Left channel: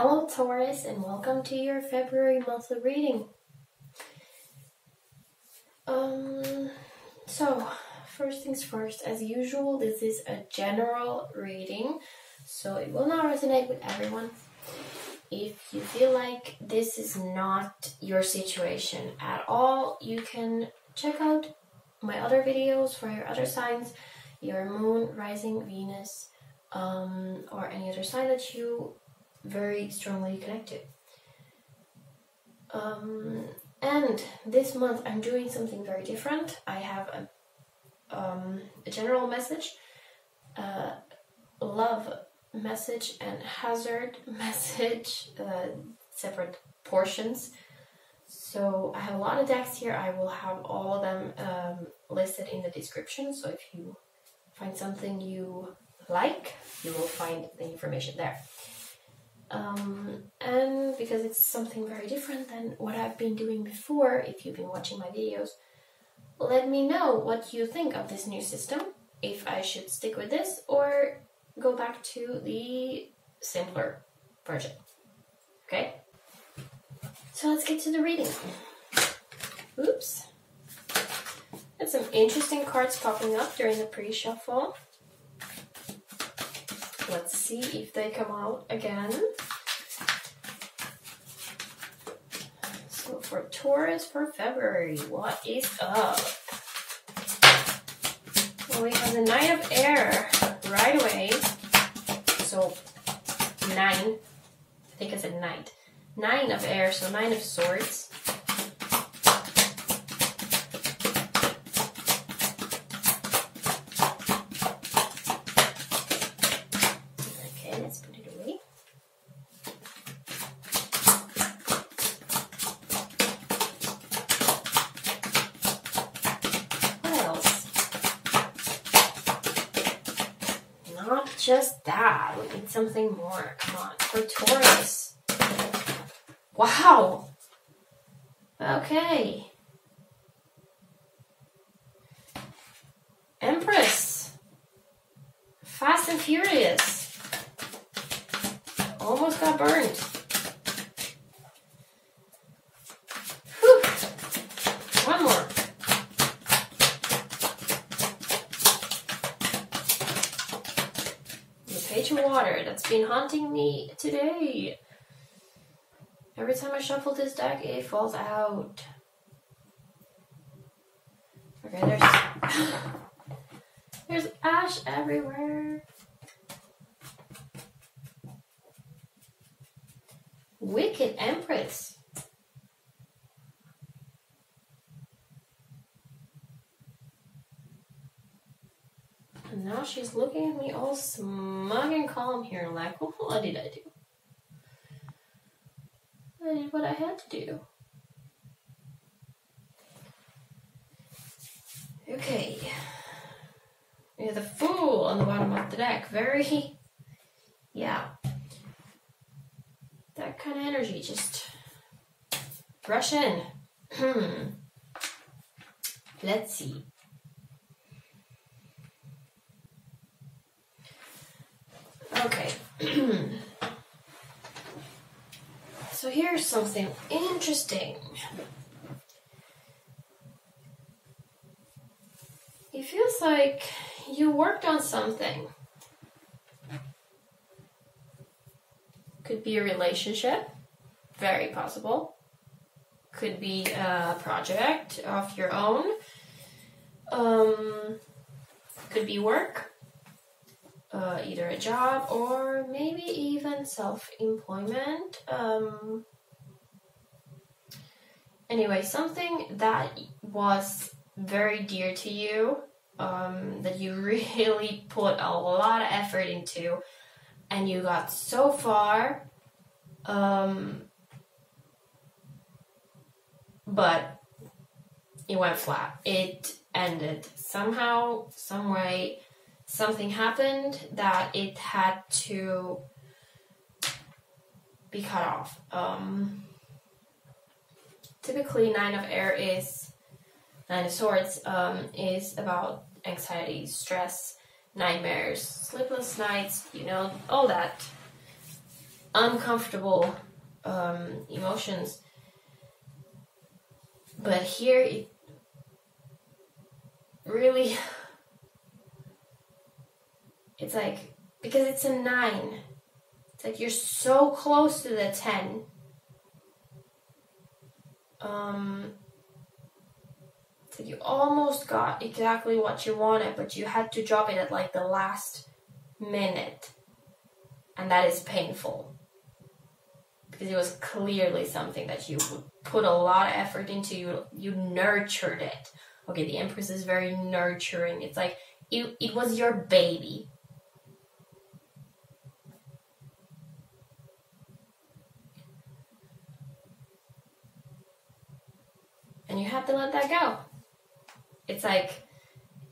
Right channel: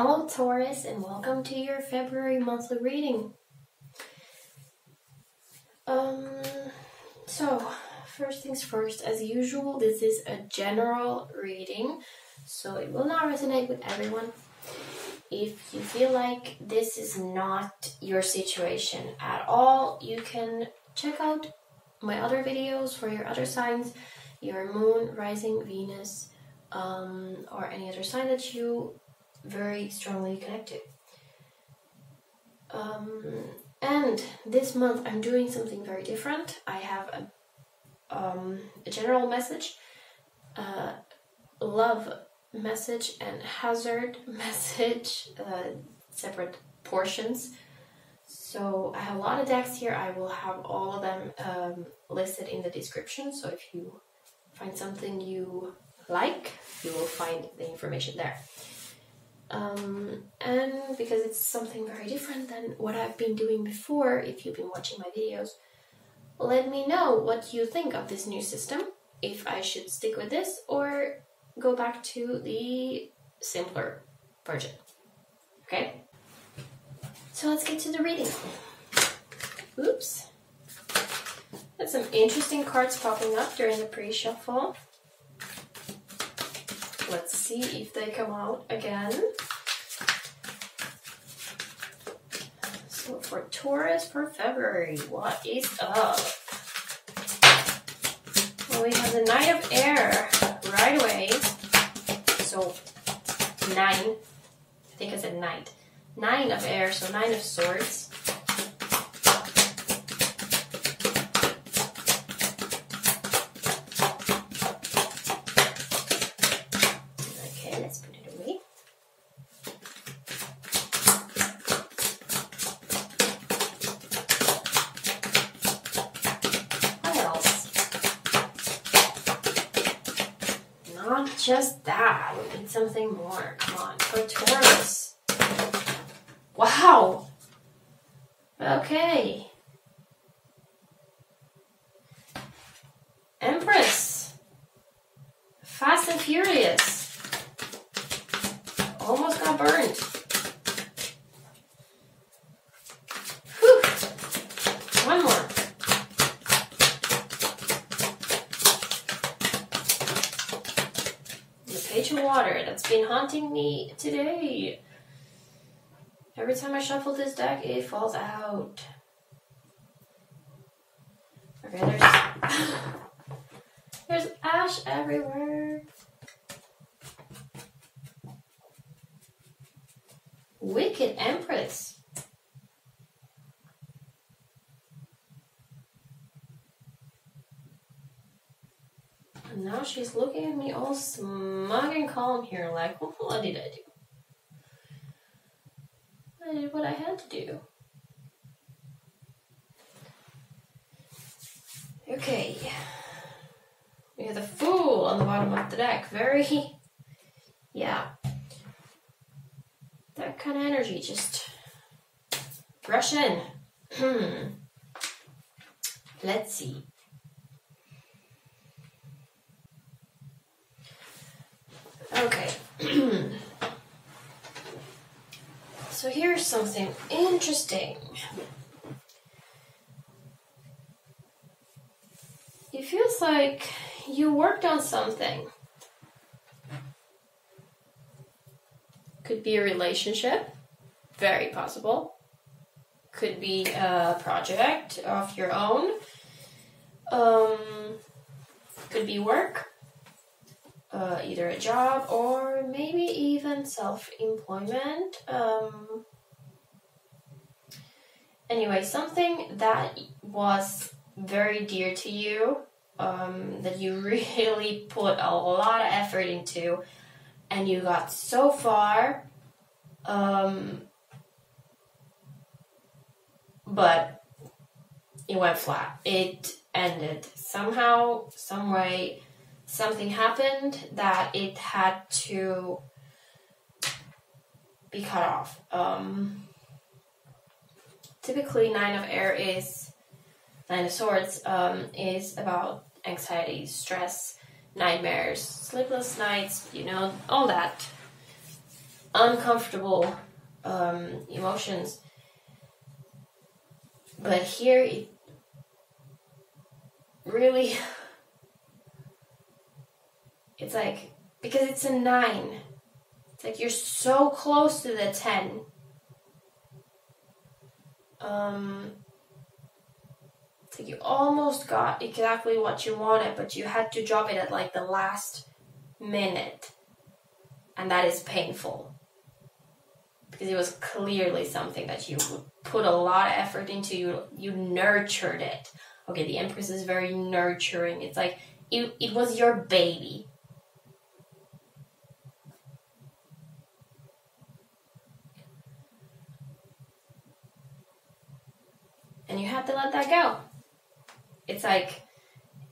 Hello Taurus, and welcome to your February monthly reading. So first things first, as usual, this is a general reading, so it will not resonate with everyone. If you feel like this is not your situation at all, you can check out my other videos for your other signs, your moon, rising, Venus, or any other sign that you very strongly connected. And this month I'm doing something very different. I have a general message, love message, and hazard message, separate portions. So I have a lot of decks here. I will have all of them listed in the description. So if you find something you like, you will find the information there. And because it's something very different than what I've been doing before, if you've been watching my videos, let me know what you think of this new system, if I should stick with this or go back to the simpler version. Okay? So let's get to the reading. Oops. There's some interesting cards popping up during the pre-shuffle. Let's see if they come out again. So for Taurus for February, what is up? Well, we have the Knight of Air right away. So 9, I think I said Knight. 9 of Air, so 9 of Swords. Not just that, we need something more. Come on, for Taurus. Wow. Okay. Empress. Fast and Furious. Almost got burned. Whew. One more. Page of Water, that's been haunting me today. Every time I shuffle this deck, it falls out. Okay, there's ash everywhere. Wicked Empress. And now she's looking at me all smug and calm here, like, well, what did I do? I did what I had to do. Okay. We have the Fool on the bottom of the deck. Very, yeah. That kind of energy, just rush in. Let's see. Okay, so here's something interesting. It feels like you worked on something. Could be a relationship, very possible. Could be a project of your own. Could be work. Either a job or maybe even self-employment. Anyway, something that was very dear to you, that you really put a lot of effort into, and you got so far, but it went flat. It ended somehow, some way. Something happened that it had to be cut off. Typically, 9 of Air is 9 of Swords is about anxiety, stress, nightmares, sleepless nights, you know, all that. uncomfortable emotions. But here it really, it's like, because it's a 9, it's like you're so close to the 10. It's like you almost got exactly what you wanted, but you had to drop it at like the last minute. And that is painful. Because it was clearly something that you put a lot of effort into. You nurtured it. Okay, the Empress is very nurturing. It's like it was your baby. And you have to let that go. It's like,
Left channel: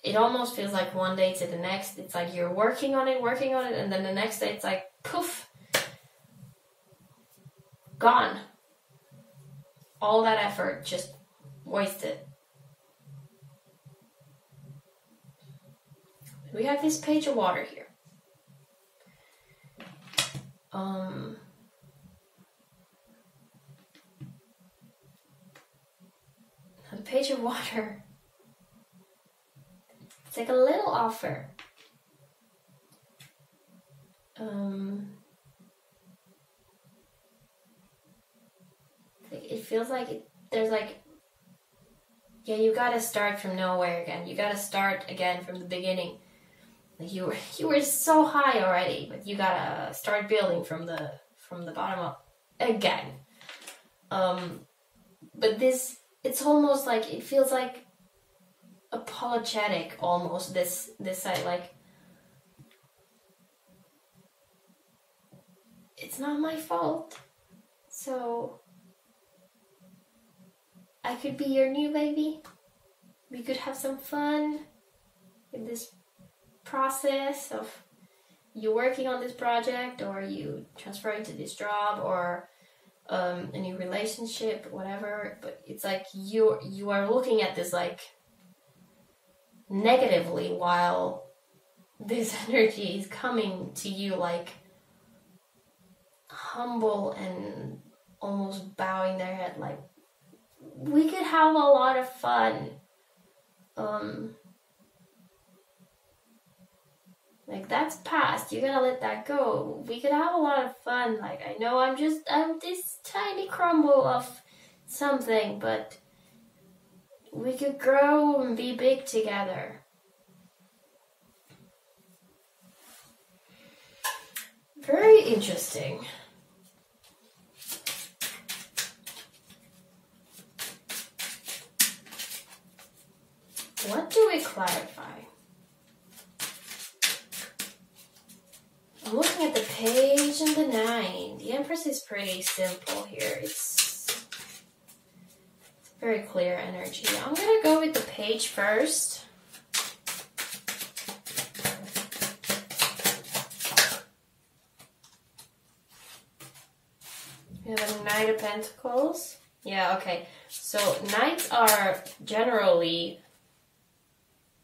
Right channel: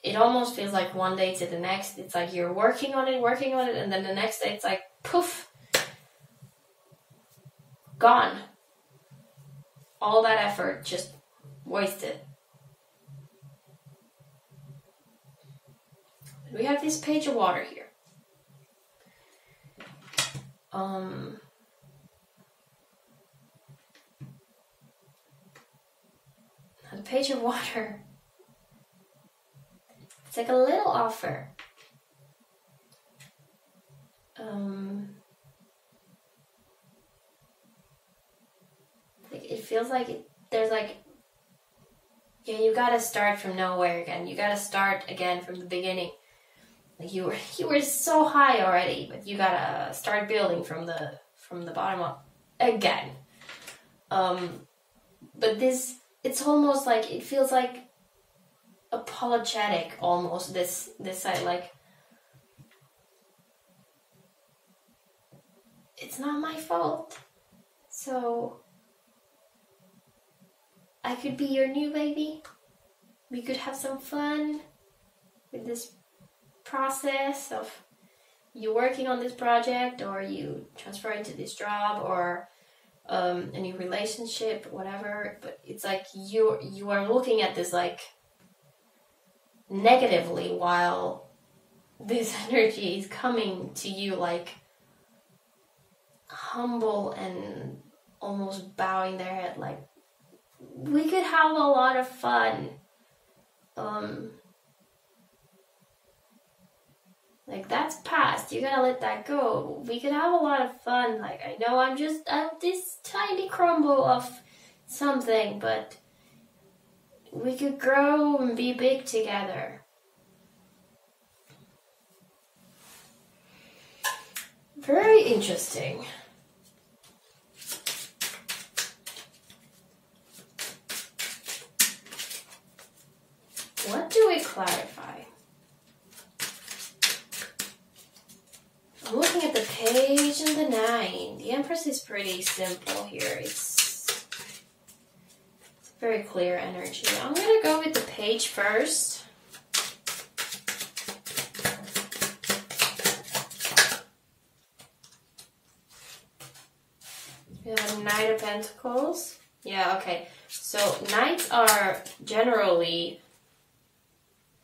it almost feels like one day to the next. It's like you're working on it, and then the next day it's like, poof, gone. All that effort just wasted. We have this page of water here. The page of water. It's like a little offer. It feels like there's like, yeah, you gotta start from nowhere again. You gotta start again from the beginning. Like you were so high already, but you gotta start building from the bottom up again. But this, it's almost like, it feels like apologetic almost, this side, like, it's not my fault, so I could be your new baby. We could have some fun with this process of you working on this project, or you transferring to this job, or a new relationship, whatever. But it's like you are looking at this like negatively, while this energy is coming to you like humble and almost bowing their head, like, we could have a lot of fun. Like, that's past. You gotta let that go. We could have a lot of fun. Like, I know I'm this tiny crumble of something, but we could grow and be big together. Very interesting. What do we clarify? I'm looking at the page and the 9. The Empress is pretty simple here. It's very clear energy. I'm going to go with the page first. We have a Knight of Pentacles. Yeah, okay. So Knights are generally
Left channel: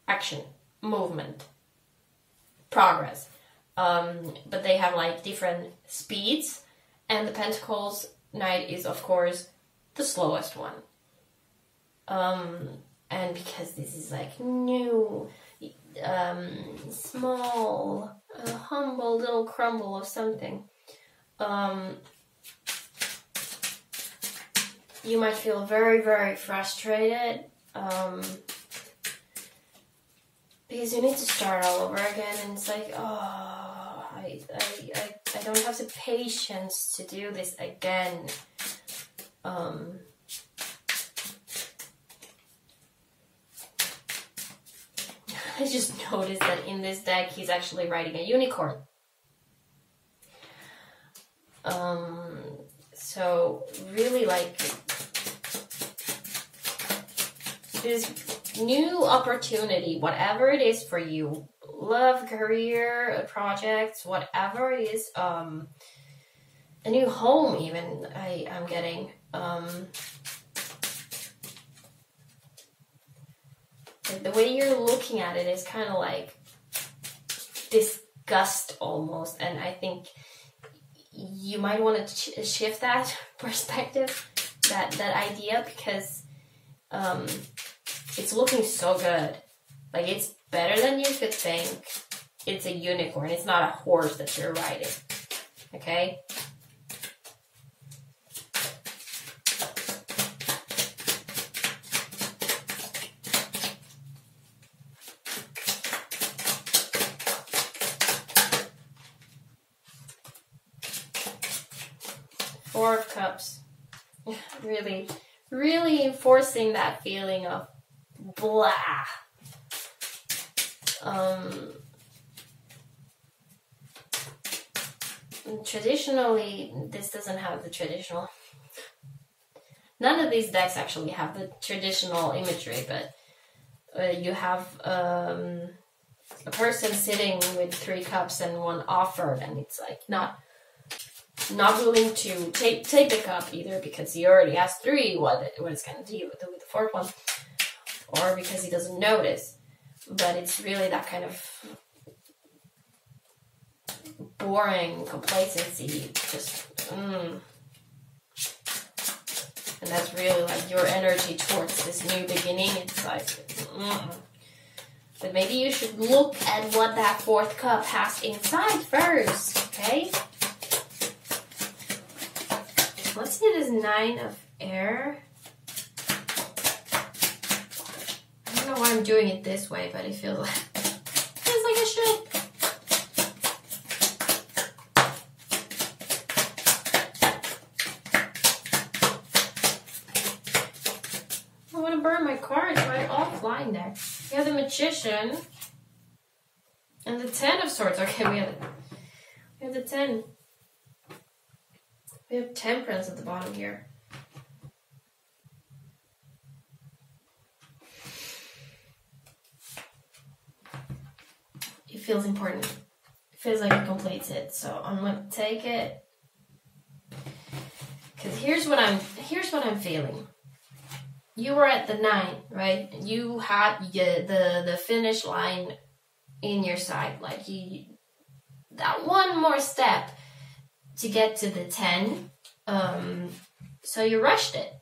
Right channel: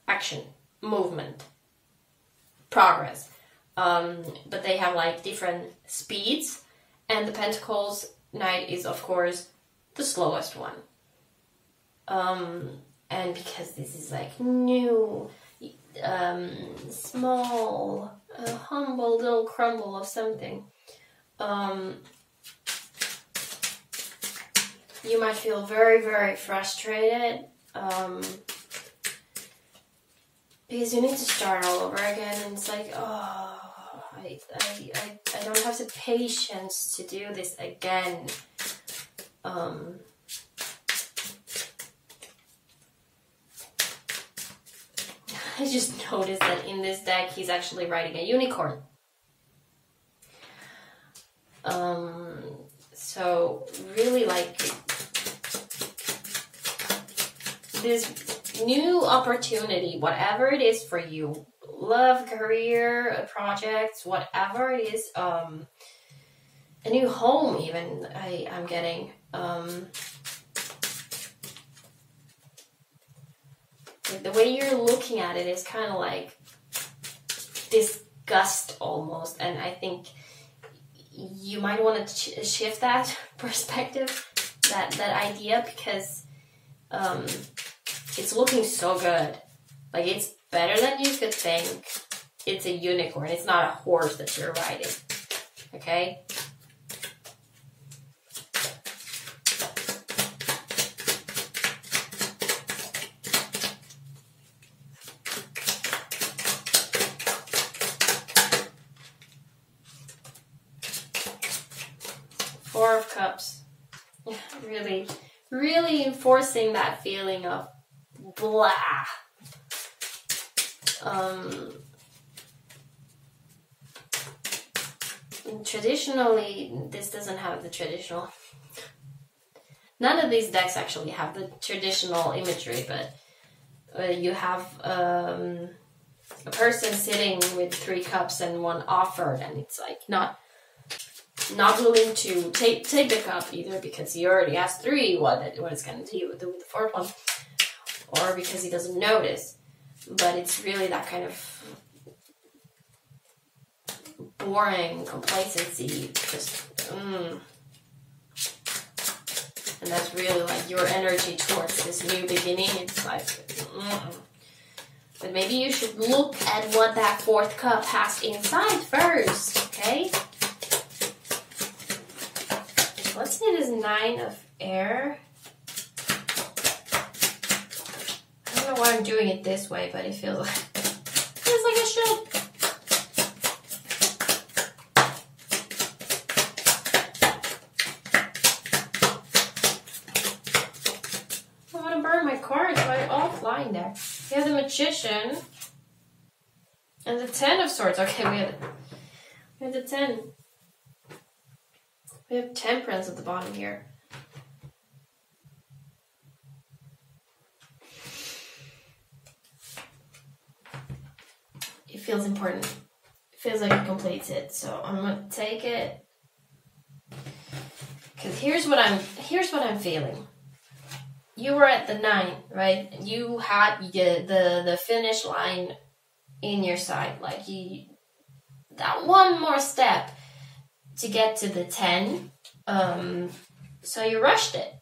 action, movement, progress. But they have like different speeds, and the Pentacles Knight is of course the slowest one. And because this is like new, small, humble little crumble of something, you might feel very, very frustrated. Because you need to start all over again, and it's like, oh, I don't have the patience to do this again. I just noticed that in this deck, he's actually riding a unicorn. So really, like, this new opportunity, whatever it is for you, love, career, projects, whatever it is, a new home even, I'm getting, like the way you're looking at it is kind of like disgust almost, and I think you might want to shift that perspective, that idea, because it's looking so good. Like, it's better than you could think. It's a unicorn. It's not a horse that you're riding. Okay? Four of Cups. Really, really enforcing that feeling of blah. Traditionally, this doesn't have the traditional. None of these decks actually have the traditional imagery, but you have a person sitting with 3 cups and 1 offered, and it's like not willing to take the cup either because he already has 3. What is going to do with the 4th one, or because he doesn't notice. But it's really that kind of boring complacency, just and that's really like your energy towards this new beginning. It's like but maybe you should look at what that 4th cup has inside first. Okay, let's see this 9 of air. I don't know why I'm doing it this way, but it feels like I should. I want to burn my cards, but they're all flying there. We have the Magician and the 10 of Swords. Okay, we have the 10. We have Temperance at the bottom here. It feels important. It feels like it completes it. So I'm gonna take it. Because here's what I'm feeling. You were at the 9, right? You had the finish line in your sight. Like that one more step to get to the 10. So you rushed it.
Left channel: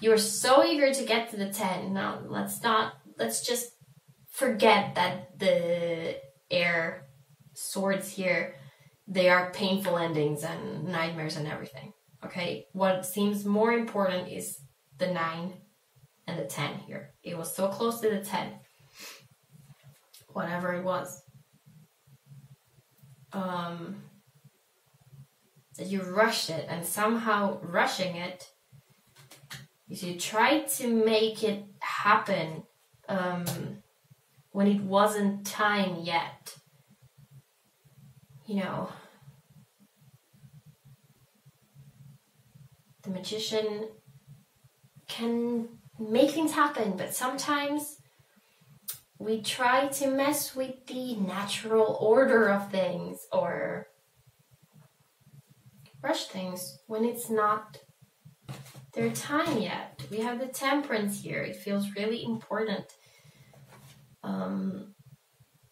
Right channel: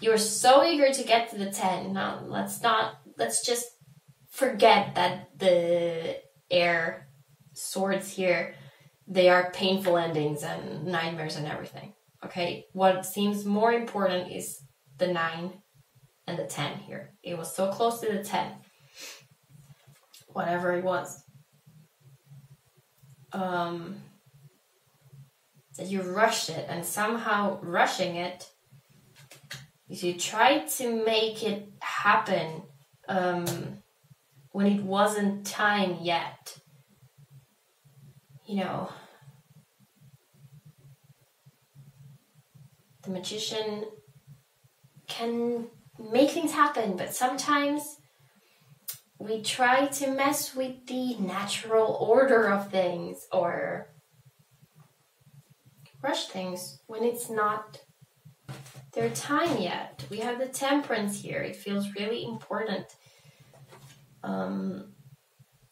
You were so eager to get to the 10. Now let's just forget that the air swords here, they are painful endings and nightmares and everything. Okay, what seems more important is the 9 and the 10 here. It was so close to the 10. Whatever it was. That you rushed it, and somehow rushing it, you tried to make it happen when it wasn't time yet. You know, the Magician can make things happen, but sometimes we try to mess with the natural order of things or rush things when it's not their time yet. We have the Temperance here. It feels really important.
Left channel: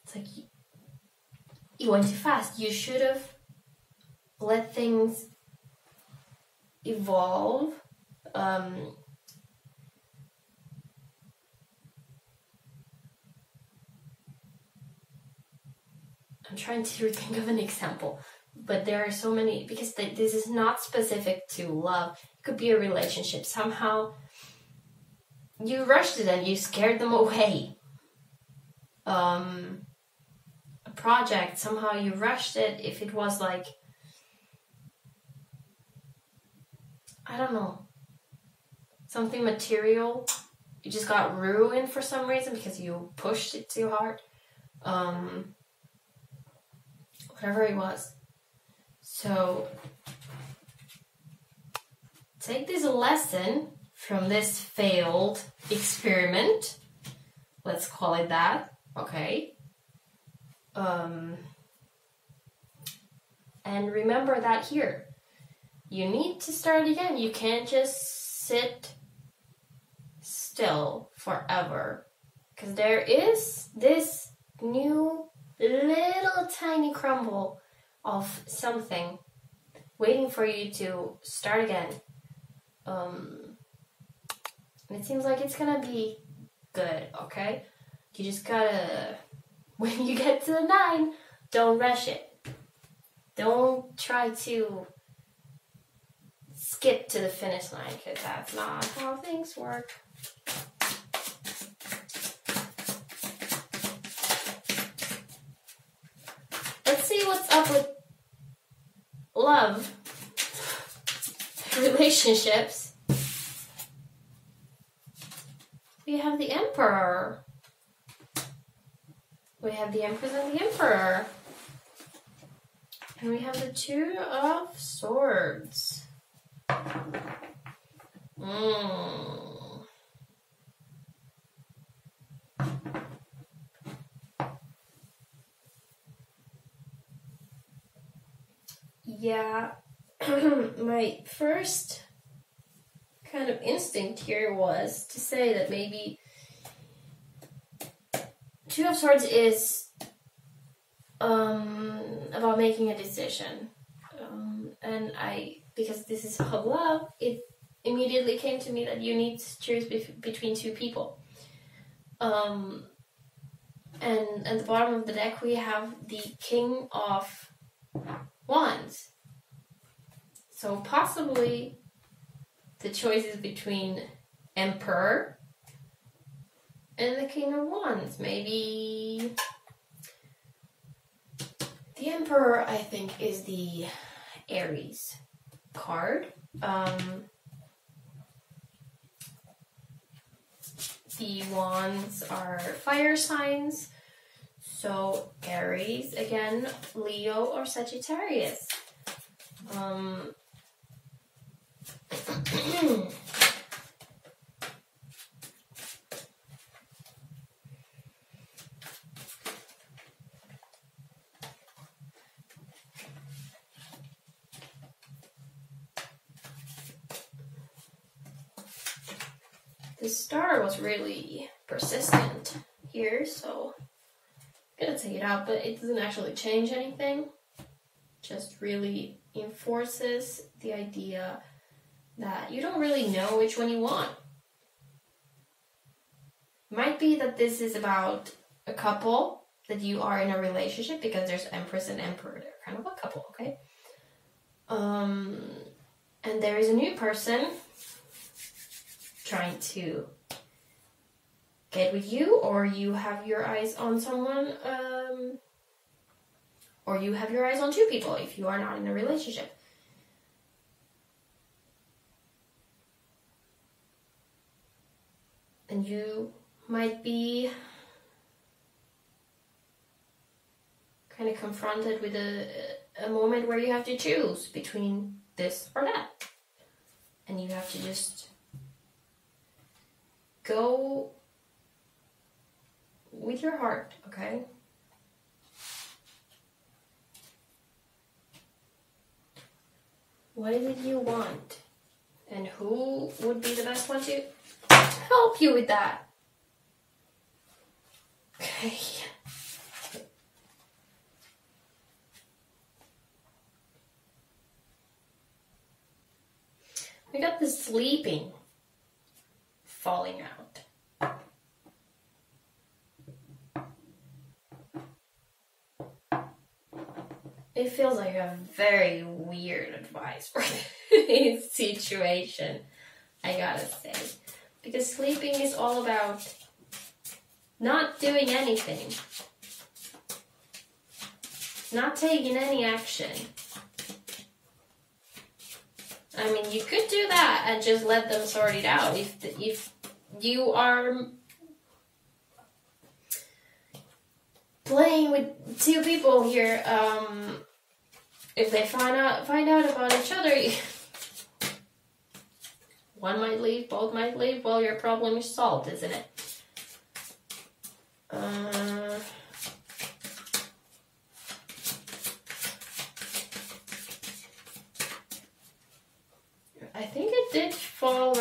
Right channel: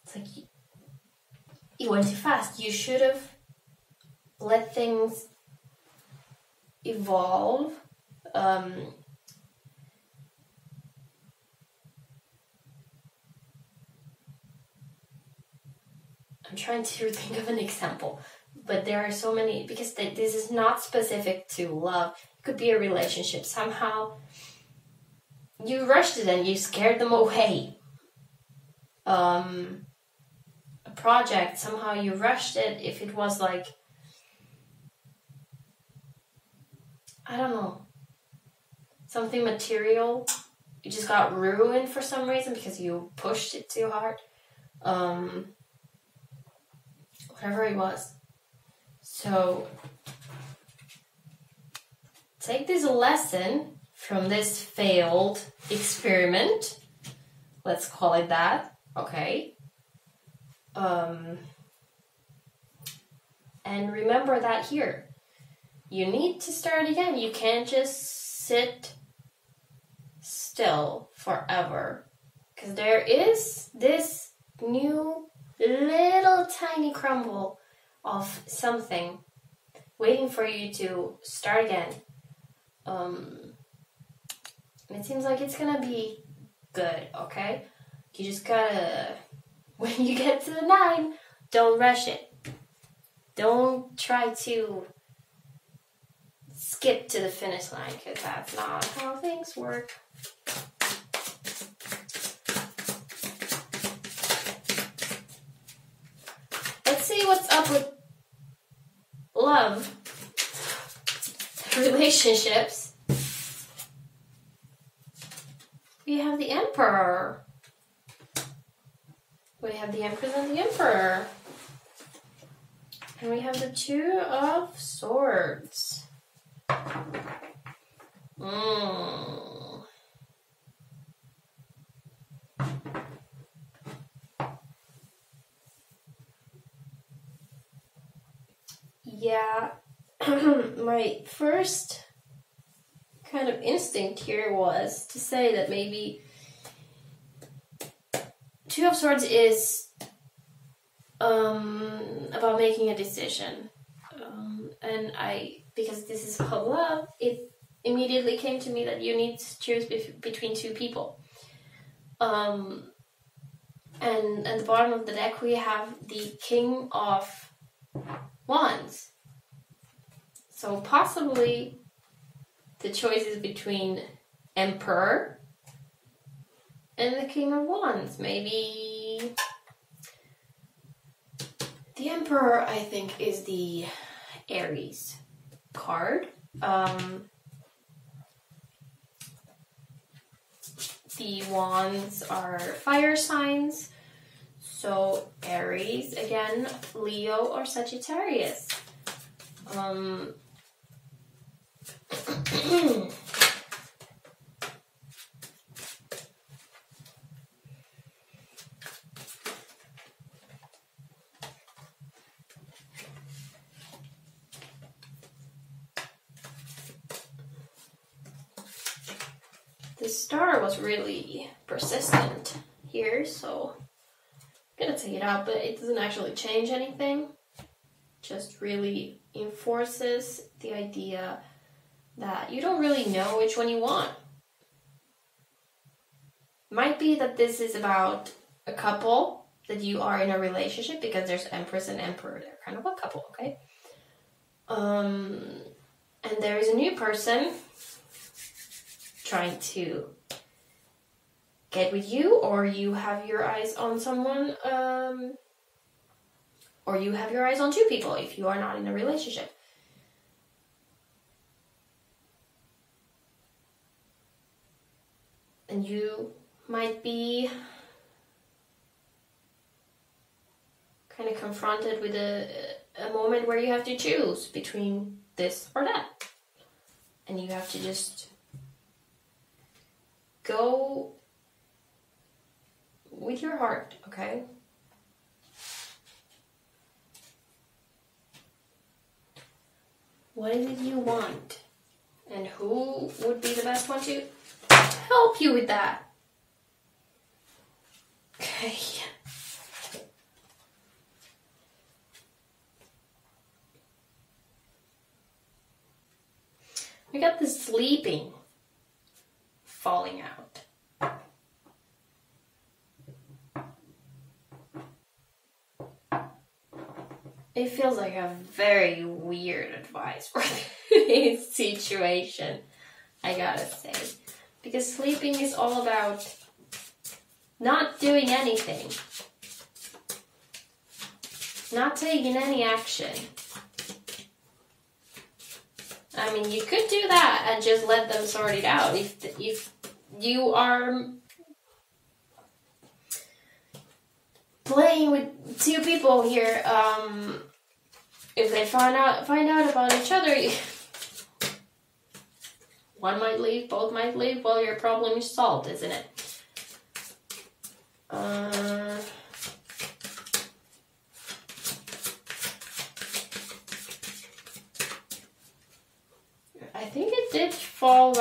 It's like you went too fast. You should have let things evolve. I'm trying to think of an example, but there are so many, because this is not specific to love. It could be a relationship. Somehow you rushed it and you scared them away. A project, somehow you rushed it. If it was like, I don't know, something material, it just got ruined for some reason because you pushed it too hard. Whatever it was. So take this lesson from this failed experiment. Let's call it that. Okay. And remember that here. You need to start again. You can't just sit still forever. Because there is this new little tiny crumble of something, waiting for you to start again. It seems like it's gonna be good, okay? You just gotta, when you get to the 9, don't rush it. Don't try to skip to the finish line, because that's not how things work. Let's see what's up with love, relationships. We have the Emperor. We have the Empress and the Emperor. And we have the Two of Swords. Yeah, my first kind of instinct here was to say that maybe Two of Swords is about making a decision. And because this is about love, it immediately came to me that you need to choose between two people. And at the bottom of the deck we have the King of Wands. So possibly the choice is between Emperor and the King of Wands. Maybe the Emperor, I think, is the Aries card. The Wands are fire signs. So Aries, again, Leo or Sagittarius. The star was really persistent here, so I'm gonna take it out, but it doesn't actually change anything. Just really enforces the idea that you don't really know which one you want. Might be that this is about a couple, that you are in a relationship, because there's Empress and Emperor. They're kind of a couple, okay? And there is a new person trying to get with you, or you have your eyes on someone, or you have your eyes on two people if you are not in a relationship. And you might be kind of confronted with a moment where you have to choose between this or that. And you have to just go with your heart, okay? What is it you want? And who would be the best one to help you with that? Okay. We got the sleeping falling out. It feels like a very weird advice for this situation, I gotta say. Because sleeping is all about not doing anything. Not taking any action. I mean, you could do that and just let them sort it out. If you are playing with two people here, if they find out about each other, one might leave, both might leave. Well, your problem is solved, isn't it? I think it did fall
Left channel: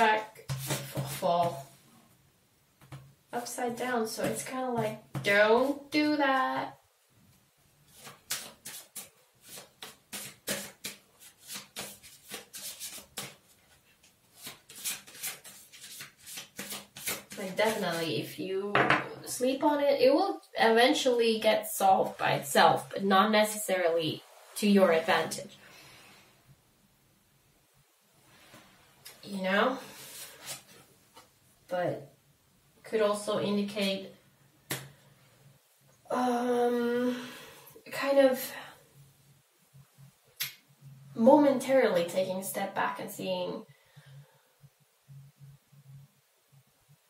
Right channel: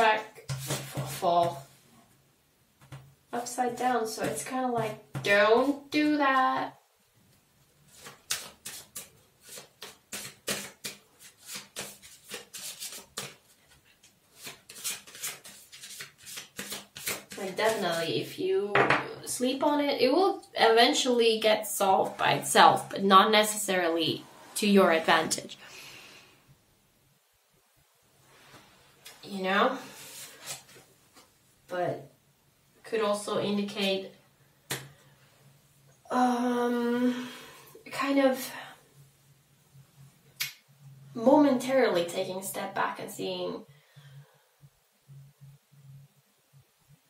upside down, so it's kind of like, don't do that. Like, definitely, if you sleep on it, it will eventually get solved by itself, but not necessarily to your advantage. You know? But could also indicate kind of momentarily taking a step back and seeing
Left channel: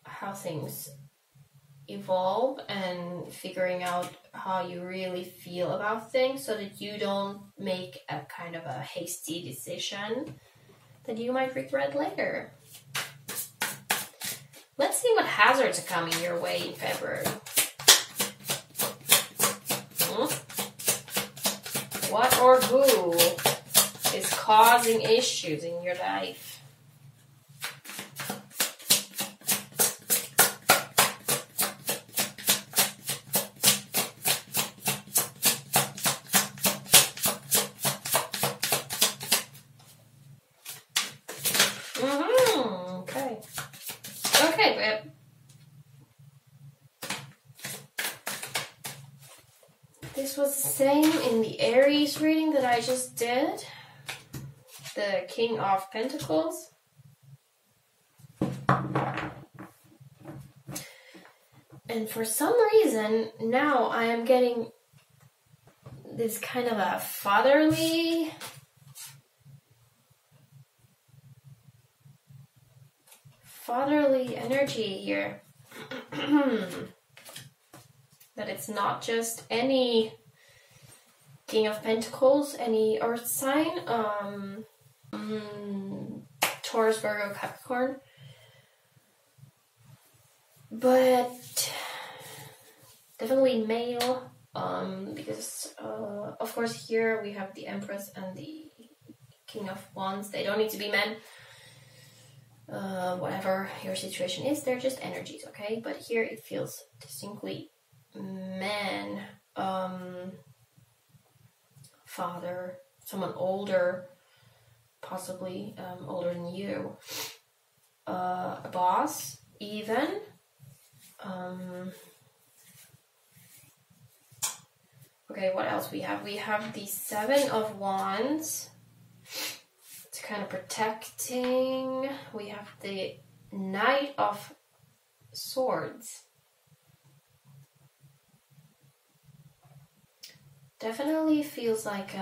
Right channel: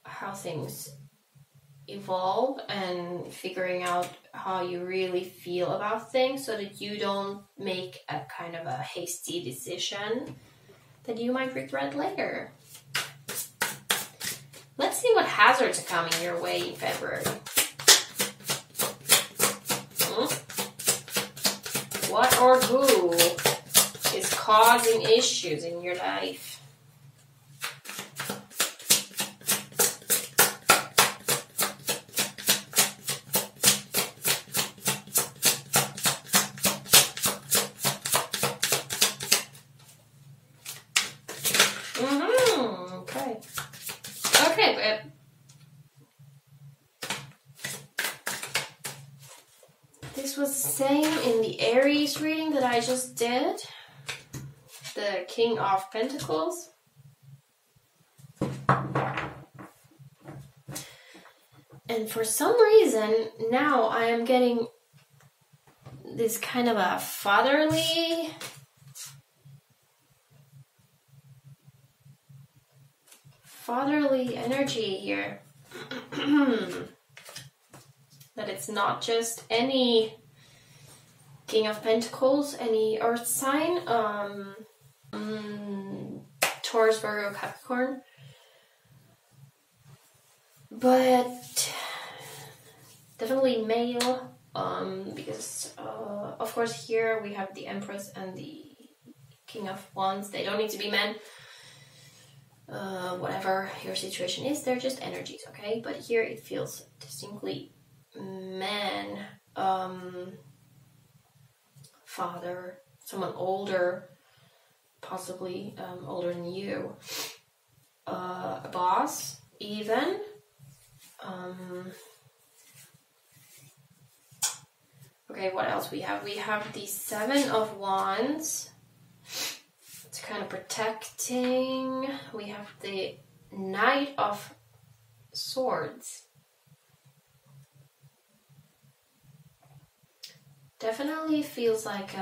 how things evolve and figuring out how you really feel about things so that you don't make a kind of a hasty decision that you might regret later. Let's see what hazards are coming your way in February. What or who is causing issues in your life? Okay. Okay, this was the same in the Aries reading that I just did. The King of Pentacles. And for some reason, now I am getting this kind of a fatherly energy here. That it's not just any King of Pentacles, any earth sign, Taurus, Virgo, Capricorn, but definitely male, because of course here we have the Empress and the King of Wands. They don't need to be men. Whatever your situation is, they're just energies, okay? But here it feels distinctly man, father, someone older, possibly older than you, a boss, even. Okay, what else we have? We have the Seven of Wands. It's kind of protecting. We have the Knight of Swords. Definitely feels like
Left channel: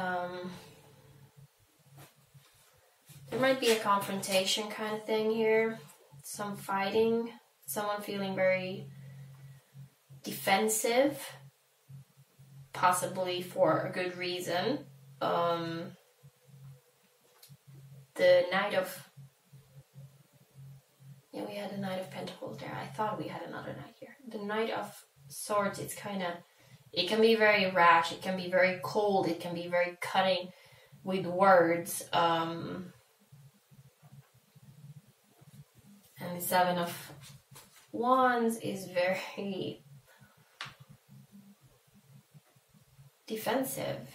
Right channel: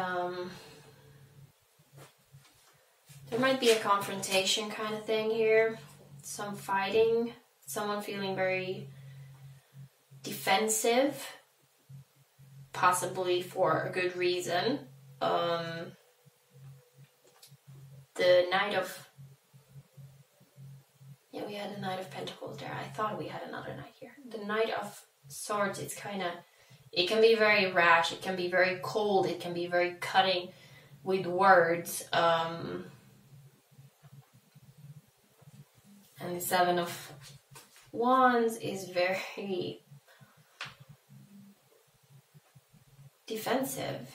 there might be a confrontation kind of thing here. Some fighting. Someone feeling very defensive. Possibly for a good reason. The Knight of... Yeah, we had a Knight of Pentacles there. I thought we had another Knight here. The Knight of Swords, it's kind of... It can be very rash. It can be very cold. It can be very cutting with words. And the Seven of Wands is very defensive.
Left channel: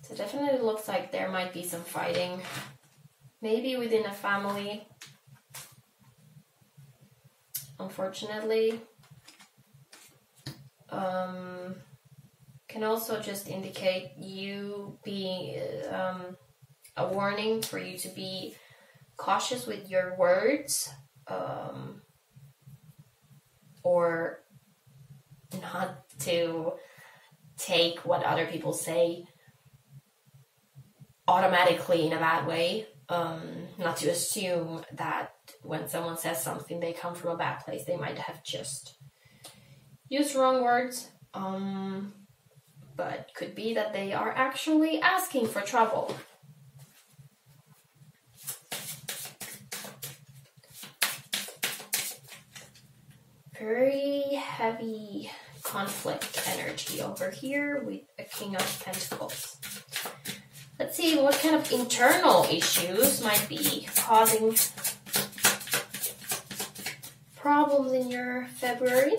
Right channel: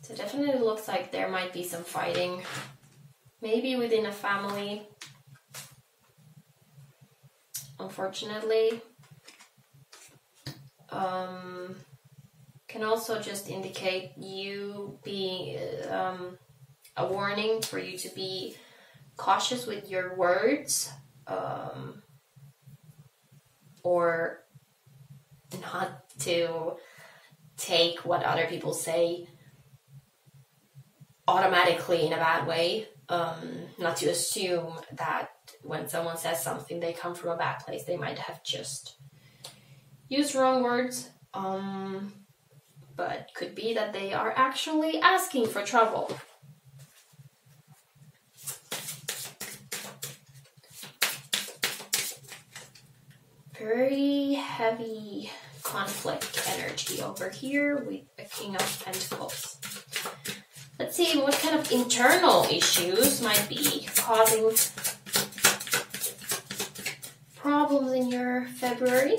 So definitely looks like there might be some fighting. Maybe within a family. Unfortunately. Can also just indicate you being a warning for you to be cautious with your words, or not to take what other people say automatically in a bad way, not to assume that when someone says something they come from a bad place. They might have just used wrong words, but could be that they are actually asking for trouble. Very heavy conflict energy over here with a King of Pentacles. Let's see what kind of internal issues might be causing problems in your February.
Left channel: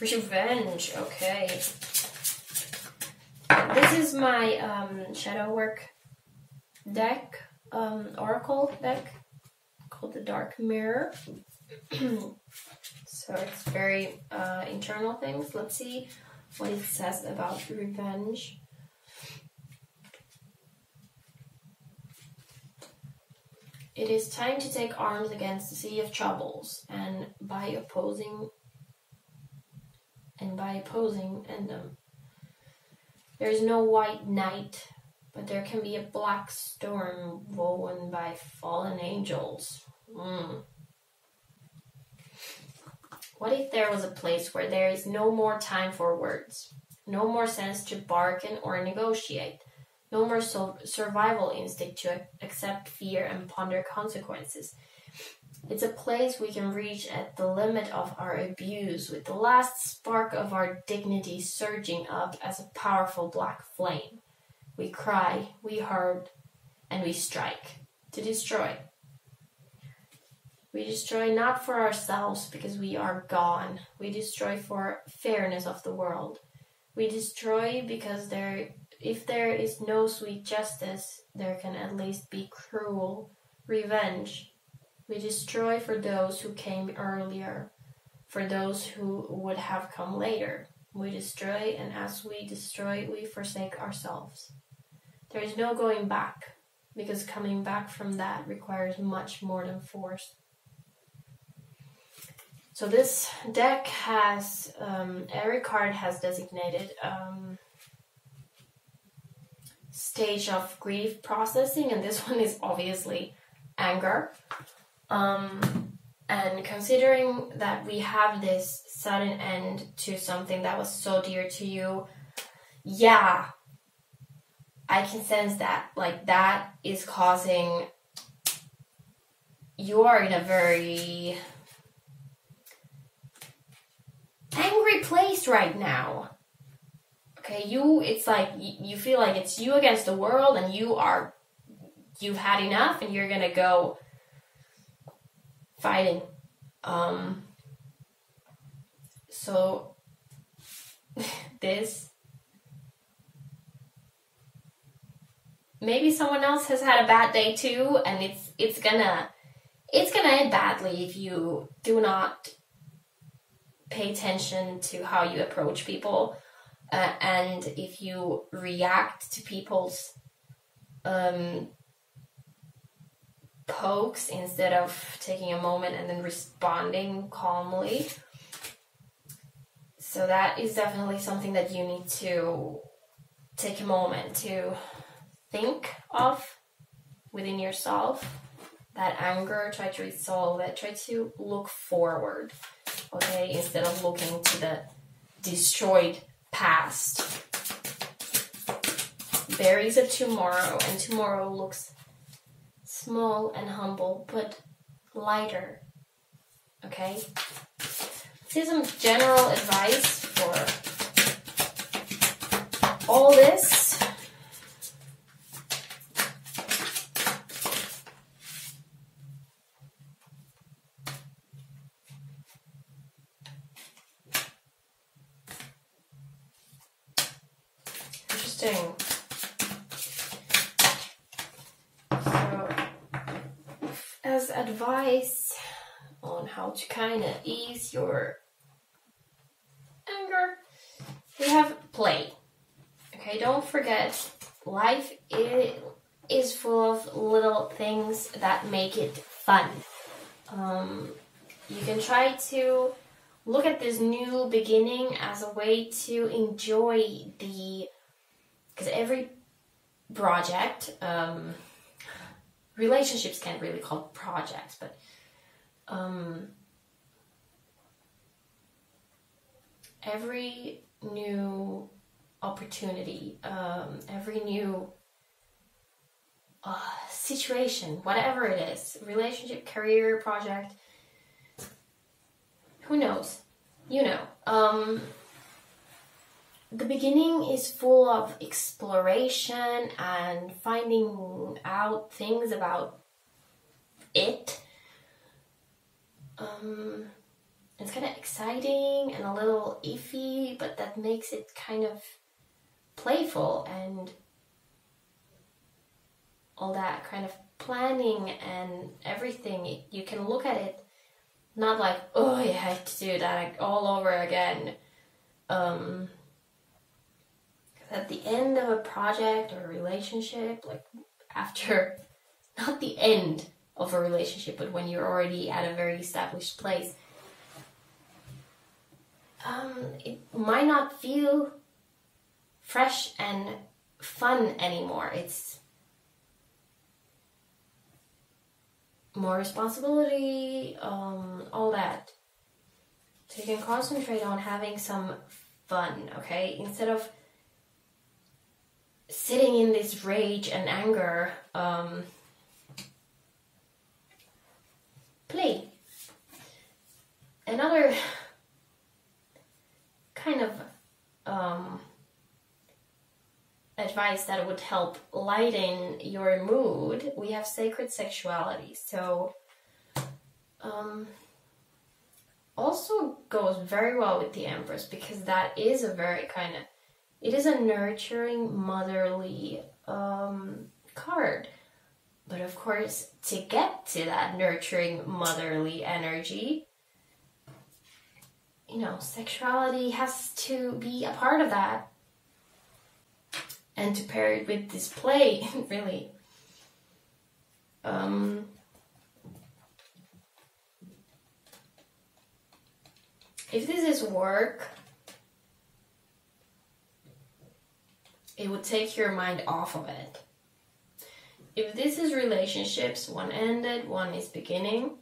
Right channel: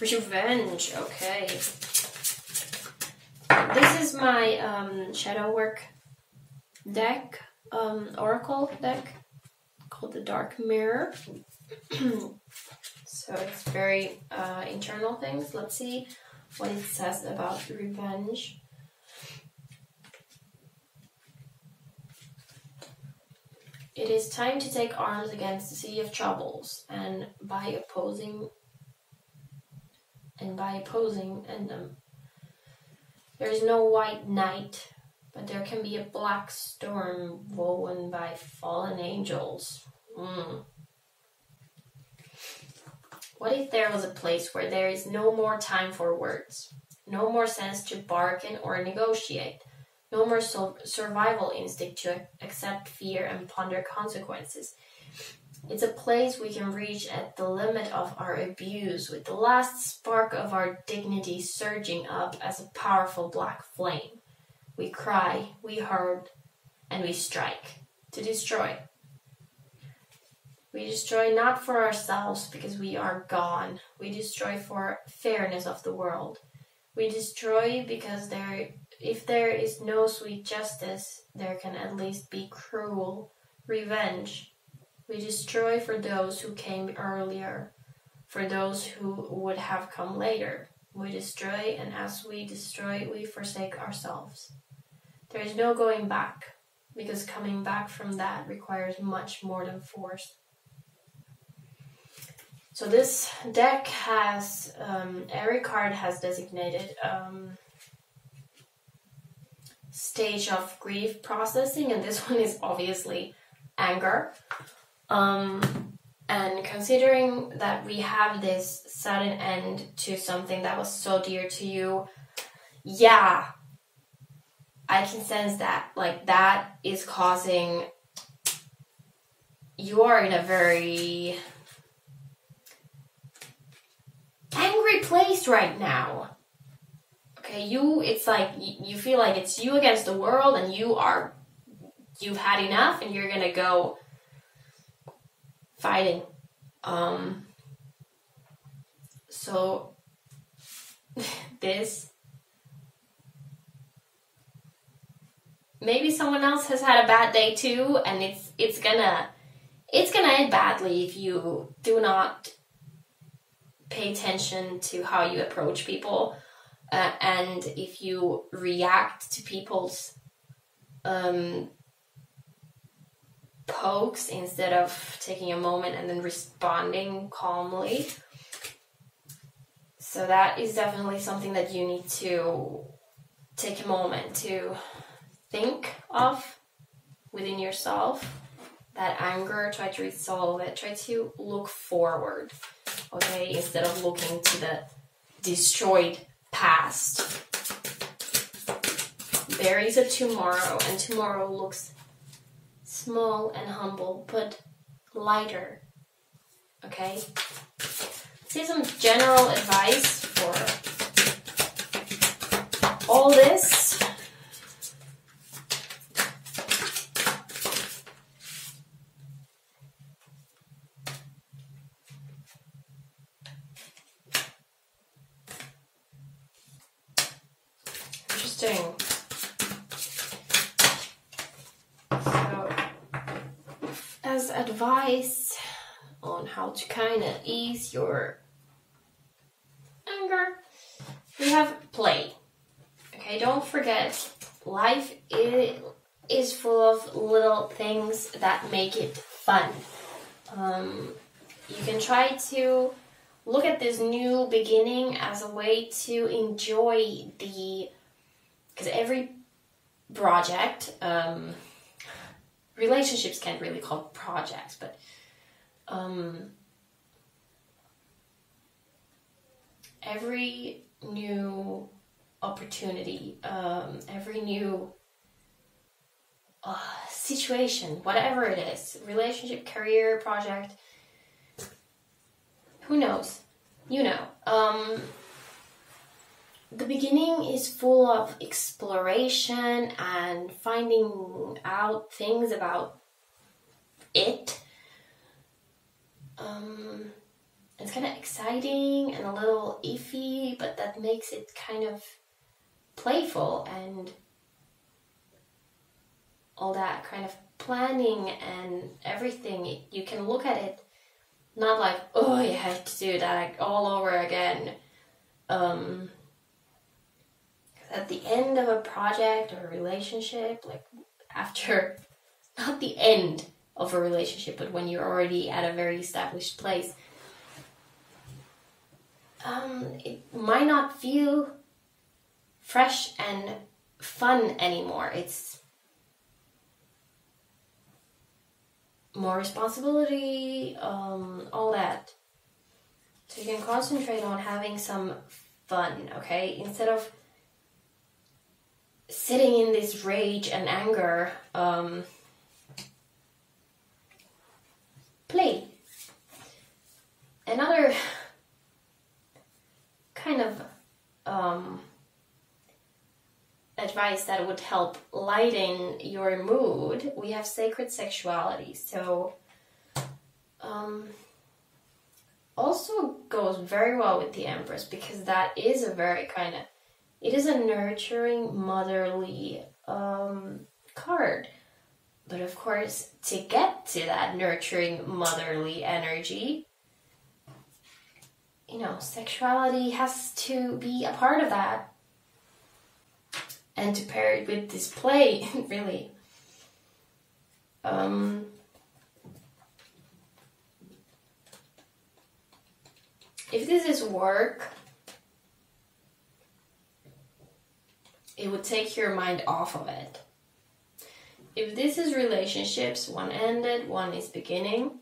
Revenge, okay. this is my shadow work deck, oracle deck called the Dark Mirror. So it's very internal things. Let's see what it says about revenge. It is time to take arms against the sea of troubles, and by opposing them. There is no white night, but there can be a black storm woven by fallen angels. What if there was a place where there is no more time for words, no more sense to bargain or negotiate, no more survival instinct to accept fear and ponder consequences? It's a place we can reach at the limit of our abuse, with the last spark of our dignity surging up as a powerful black flame. We cry, we hurt, and we strike to destroy. We destroy not for ourselves because we are gone. We destroy for fairness of the world. We destroy because if there is no sweet justice, there can at least be cruel revenge. We destroy for those who came earlier, for those who would have come later. We destroy, and as we destroy, we forsake ourselves. There is no going back, because coming back from that requires much more than force. So this deck has, every card has designated stage of grief processing, and this one is obviously anger. And considering that we have this sudden end to something that was so dear to you, yeah, I can sense that. Like, that is causing, you are in a very angry place right now. Okay, it's like, you feel like it's you against the world, and you've had enough, and you're gonna go fighting. So this, maybe someone else has had a bad day too, and it's gonna end badly if you do not pay attention to how you approach people, and if you react to people's pokes instead of taking a moment and then responding calmly. So that is definitely something that you need to take a moment to think of within yourself. That anger, try to resolve it, try to look forward, okay, instead of looking to the destroyed past. There is a tomorrow, and tomorrow looks small and humble, but lighter, okay? This is some general advice for all this. Interesting. So, as advice on how to kind of ease your anger, we have play. Okay, don't forget, life is full of little things that make it fun. You can try to look at this new beginning as a way to enjoy because every project, relationships can't really call projects, but every new opportunity, every new situation, whatever it is, relationship, career, project, who knows? You know. The beginning is full of exploration and finding out things about it. It's kind of exciting and a little iffy, but that makes it kind of playful and all that kind of planning and everything. You can look at it not like, oh, you have to do that all over again. At the end of a project or a relationship, like after, not the end of a relationship, but when you're already at a very established place, it might not feel fresh and fun anymore. It's more responsibility, all that. So you can concentrate on having some fun, okay? Instead of sitting in this rage and anger, play. Another kind of advice that would help lighten your mood, we have sacred sexuality. So also goes very well with the Empress, because that is a very kind of, it is a nurturing, motherly card. But of course, to get to that nurturing, motherly energy, you know, sexuality has to be a part of that. And to pair it with display, really. If this is work, it would take your mind off of it. If this is relationships, one ended, one is beginning,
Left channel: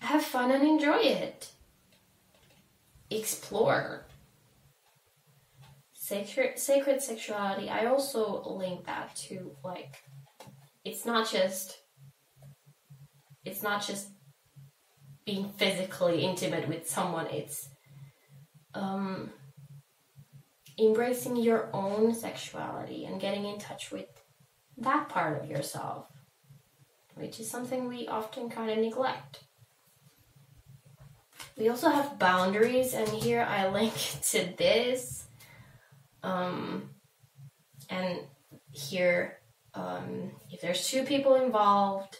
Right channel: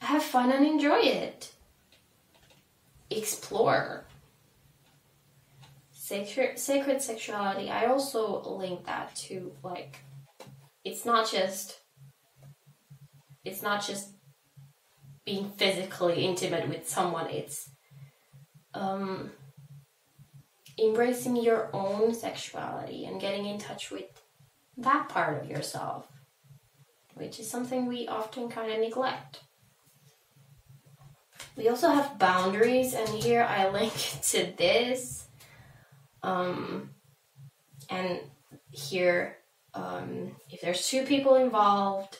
have fun and enjoy it. Explore. Sacred sexuality, I also link that to, like, it's not just being physically intimate with someone, it's embracing your own sexuality and getting in touch with that part of yourself, which is something we often kind of neglect. We also have boundaries, and here I link to this. And here, if there's two people involved,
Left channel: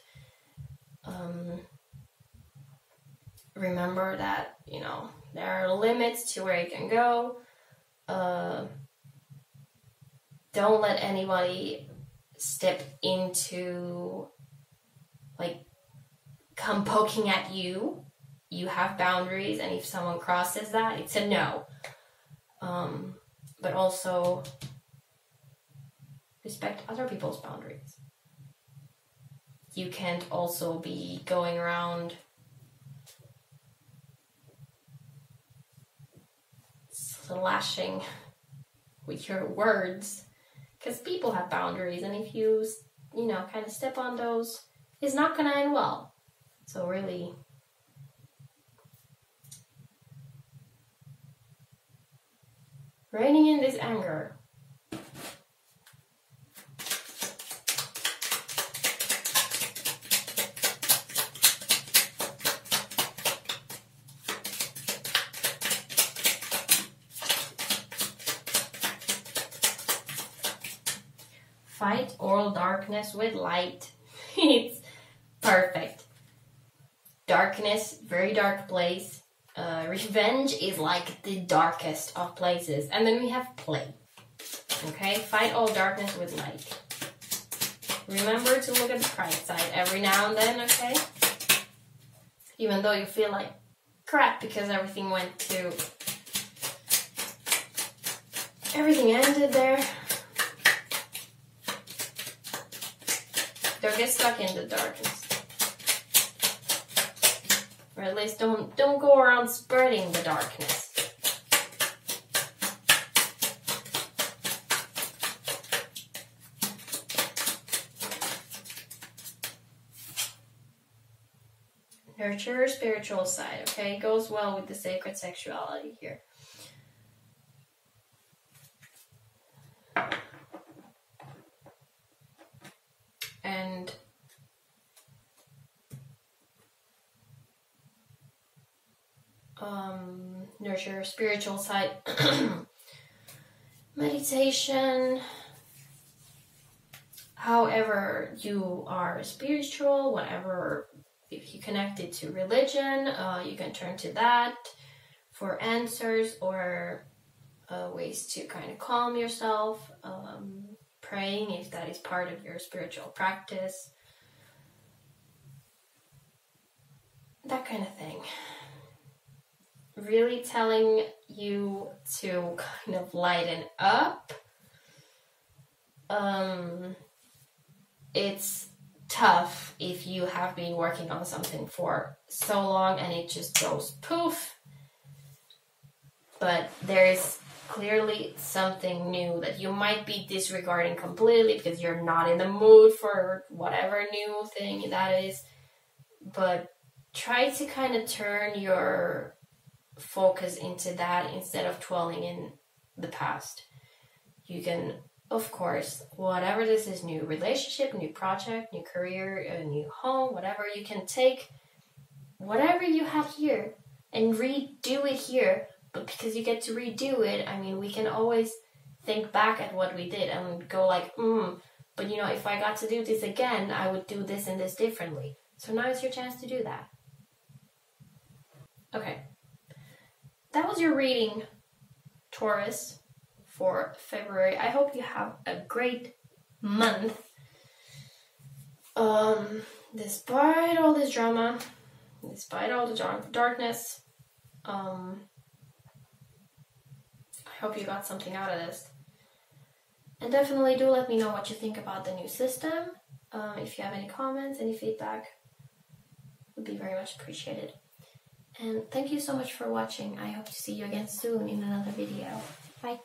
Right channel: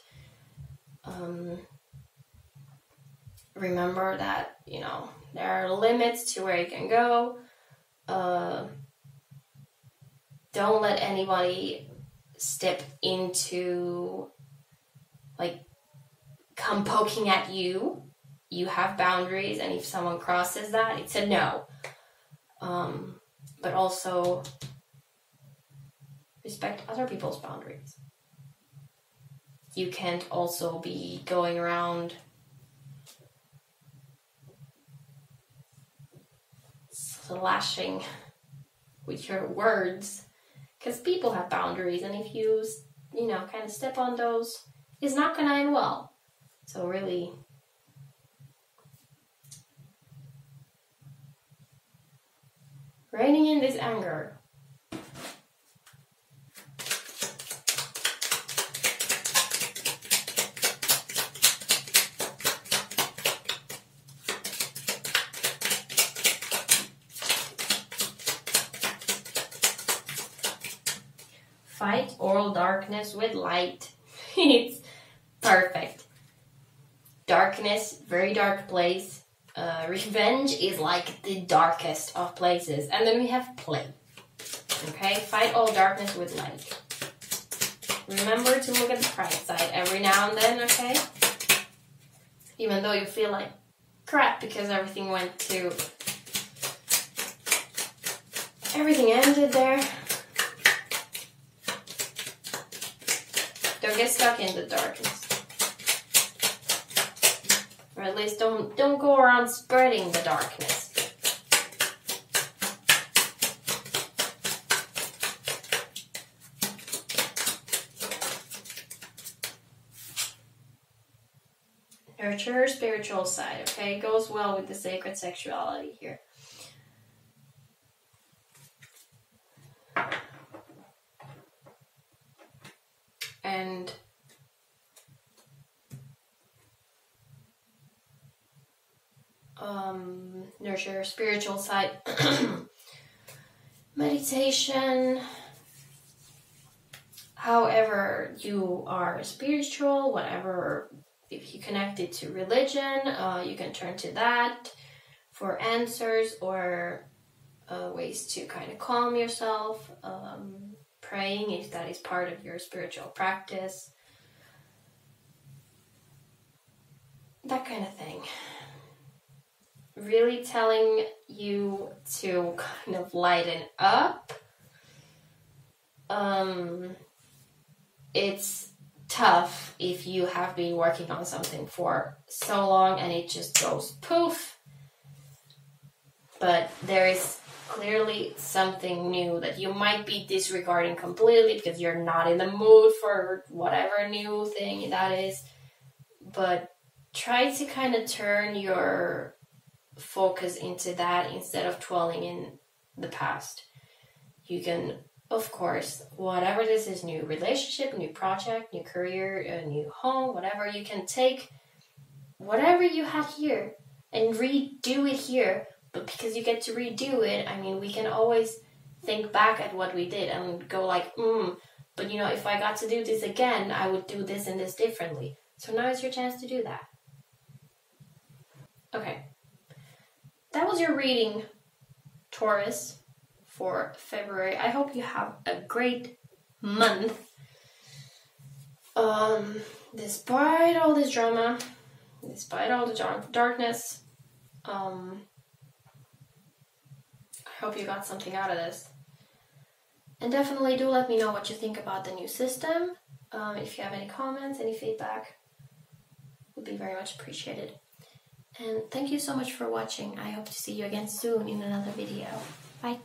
remember that, you know, there are limits to where you can go. Don't let anybody step into, like, come poking at you. You have boundaries, and if someone crosses that, it's a no. But also respect other people's boundaries. You can't also be going around slashing with your words, because people have boundaries, and if you know, kind of step on those, it's not gonna end well. So really, reining in this anger. Fight all darkness with light. It's perfect. Darkness, very dark place. Revenge is like the darkest of places. And then we have play. Okay? Fight all darkness with light. Remember to look at the bright side every now and then, okay? Even though you feel like crap because everything ended there. Don't get stuck in the darkness. Or at least don't go around spreading the darkness. Nurture your spiritual side, okay? It goes well with the sacred sexuality here. And nurture your spiritual side. meditation, however you are spiritual, whatever, if you connect it to religion, you can turn to that for answers or ways to kind of calm yourself, praying if that is part of your spiritual practice, that kind of thing. Really telling you to kind of lighten up. It's tough if you have been working on something for so long and it just goes poof. But there is clearly something new that you might be disregarding completely because you're not in the mood for whatever new thing that is. But try to kind of turn your focus into that instead of dwelling in the past. You can, of course, whatever this is, new relationship, new project, new career, a new home, whatever, you can take whatever you had here and redo it here. But because you get to redo it, I mean, we can always think back at what we did and go like, but you know, if I got to do this again, I would do this and this differently. So now is your chance to do that. Okay. That was your reading, Taurus, for February. I hope you have a great month. Despite all this drama, despite all the darkness, I hope you got something out of this. And definitely do let me know what you think about the new system. If you have any comments, any feedback, would be very much appreciated. And thank you so much for watching. I hope to see you again soon in another video. Bye.